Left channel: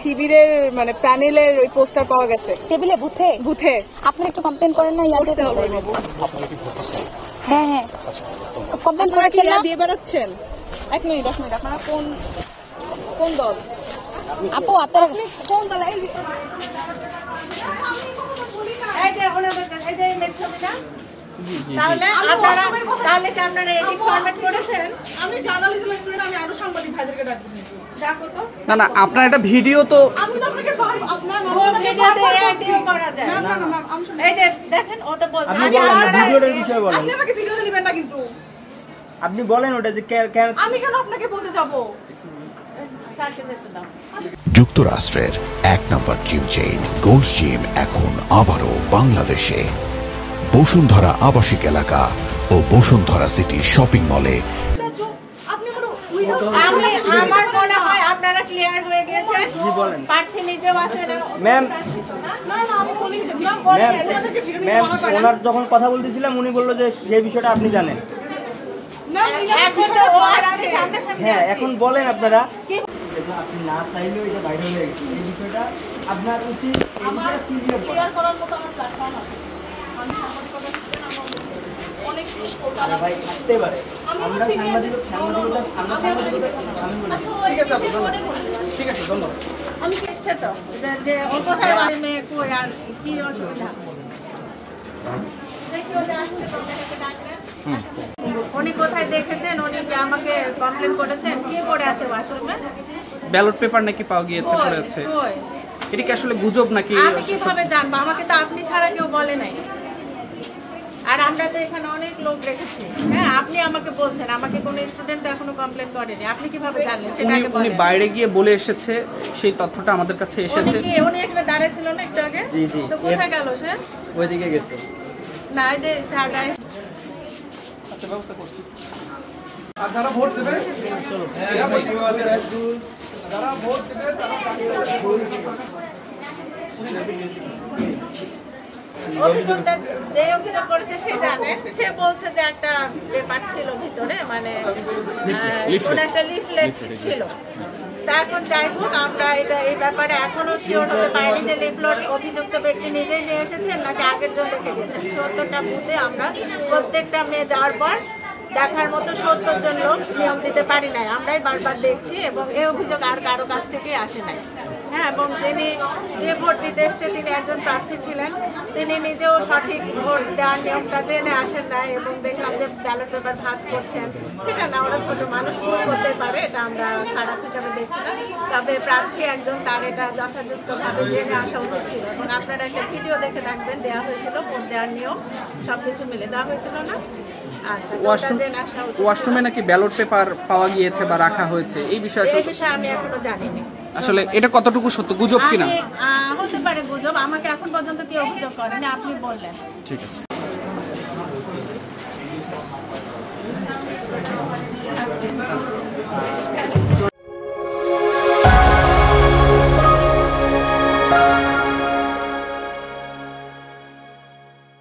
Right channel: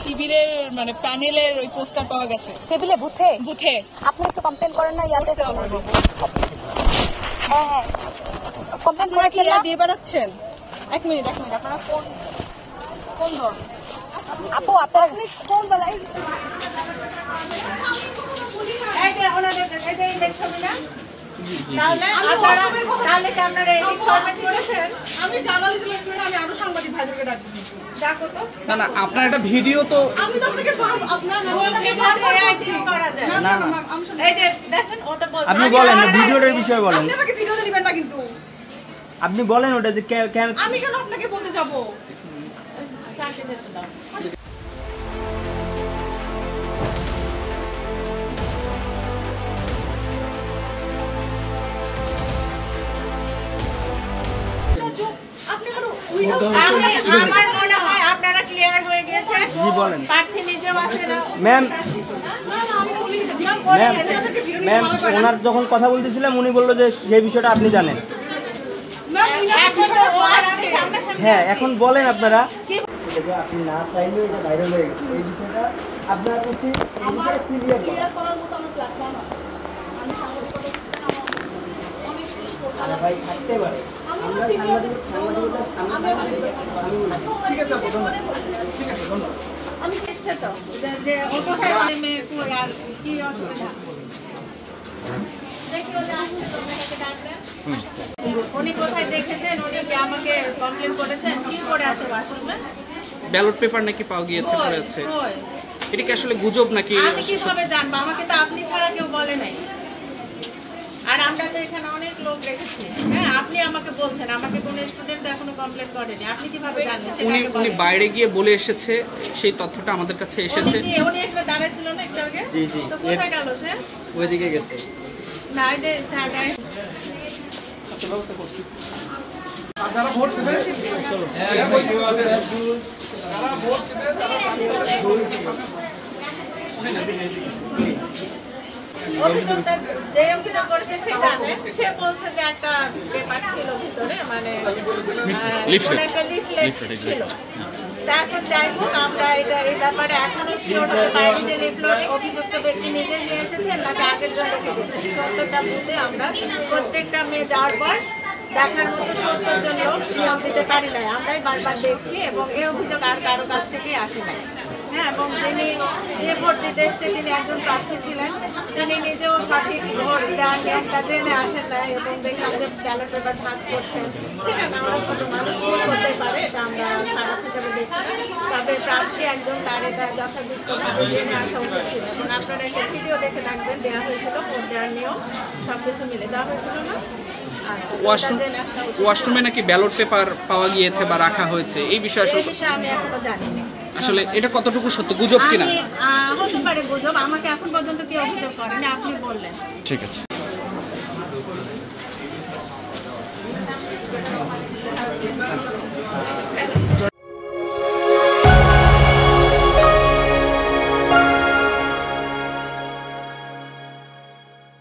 শিবিরের মানে প্যানেলের ওই পোস্টার পাওয়া গেছে টেবিলে বুথে আপনি একটু কমপ্লেন করেন না করতে হবে। হ্যাঁ আপনারা ছেলে দিয়ে বেড়াচ্ছেন। এক মিনিট আপনারা কোন দল? আপু আপনি কোন দল? আমি জার্নালিজমের স্টুডেন্ট, আমি আরো সাংবাদিক ভাইদেরকে ডাকবো। ডাকো তো। না আপনার একটা ভিডিও তো আমি তো আপনাকে আপনি বলেন ভিডিওটার বিষয়ে বলেন। আপনি আমাকে ভিডিওতে দিবেন না কিন্তু। আপনি বলেন ওটা যে আমি কেন আপনাকে বলতে যাব? যুক্তরাষ্ট্রের ১ নম্বর জিম চেইন গোল্ড জিম এখন আবারও বাংলাদেশে বসুন্ধরা আবাসিক এলাকা ও বসুন্ধরা সিটি শপিং মলে। আপনারা ক্লিয়ার হয়ে গেছেন। জি বলেন প্রার্থী নিজেও আছেন। ম্যাম ম্যাম ওনার যখন কথা বলতেছিলাম উনি বললো যে সেই বিষয়টা আপনি জানেন। হ্যাঁ এখন বলেন আপনারা। আপনি না চাইলেও এটা ভাইরাল হয়ে গেছে, এই বিষয়টা আপনার হচ্ছে এই বিষয়টা ক্লিয়ার করার মতো আমার প্ল্যাটফর্ম আছে। আমি ভাই থাকতে পারে আমরা সাংবাদিক ঠিক আছে আপু, ঠিক আছে ধন্যবাদ। আমি এসছে তো যে ও কোথায় মেয়ে কই আর কি অসুবিধা দেখি ওদের আসছে তো মেয়েকে ডাকলেন। উনি কোথায় দেখেছেন? উনি কি আমাকে কমপ্লেন করেছেন? কি করে আছে ওয়াশরুমে? ব্যালট পেপার নাকি পাওয়া গিয়েছে বলে আছে। এটা কি আসলে গুজব নাকি? আমি কিভাবে জানবো? আমাকে তো আপনি ছাড়া কেউ বলে নাই। আর আমরা তো এখানে অনেক লোক রেখেছি। হ্যাঁ আপনি আমাকে বলছেন, আমাকে কোনো স্টুডেন্ট এখনো কমপ্লেন করেনি। আপনি কিভাবে জানেন? সেটাকে উনি বলেন। বাইরে গিয়ে বলে এসেছে, সেই তথ্যটা আমাদের কাছে এসেছে। উনি এখানে দাঁড়িয়ে ছিল না একটু আগে? তো কোথায় গেল সে? ওইদিকে গেছে। না এই যে স্যার ব্যবস্থা করছি। অভিযোগটা যে অভিযোগ করেছে সে জানে। সে বলছে যে একটা পেপার ছিল ভিতরে, মানে কোন একটা লিফলেট ছিল। তা এখন যাই হোক, আমরা এটা এই ব্যাপারে এখনো শিওর হতে পারিনি যে লিফলেট অভিযুক্ত ব্যক্তি নিজে নিয়ে এসেছেন নাকি আগের জন রেখে গেছেন। ৭০টা বুথে আমরা প্রত্যেকটা মেয়ে যাওয়ার পর দেখার মতো ৭০ জন লোক নিয়ম দিতে পারি নাই। আমরাই বারবার দেখছি এবং এই অভিযোগ আর কারো কাছ থেকে আসে নাই। হ্যাঁ এবং যিনি যে ভোট দিতে এসছে তিনি একজন প্রার্থী ছিলেন, তিনি নিজেও সঠিক ভোট দেওয়ার নিয়মটা জেনে আসেন না এবং দেখলাম যে ব্যালট পেপার ভাঁজ করছেন। ঠিক আছে, আমরা ছোট মানুষ ভুল করতে পারে, এটা আমরা খারাপ হিসাবে দেখছি না। তবে প্রার্থী একজন, তার এটা যথাযথভাবে জেনে আসা উচিত ছিল এবং আপনারা একটা ভিডিও দেখে থাকবেন, দেওয়া হয়েছিল ভোট দেওয়ার নিয়ম সবকিছু মিলে দেওয়া হয়েছিল না। ওয়াশরুমে নাকি ব্যালট পেপার পাওয়া গিয়েছে বা রাখা হয়েছে, এই বিষয়ে আমি এখনো জানি না। আসলে এটা কতটুকু সত্য, গুজব কিনা? হতে পারে গুজব, আমাকে এখন পর্যন্ত কেউ অভিযোগ করেনি, আপনি বললেন। ঠিক আছে।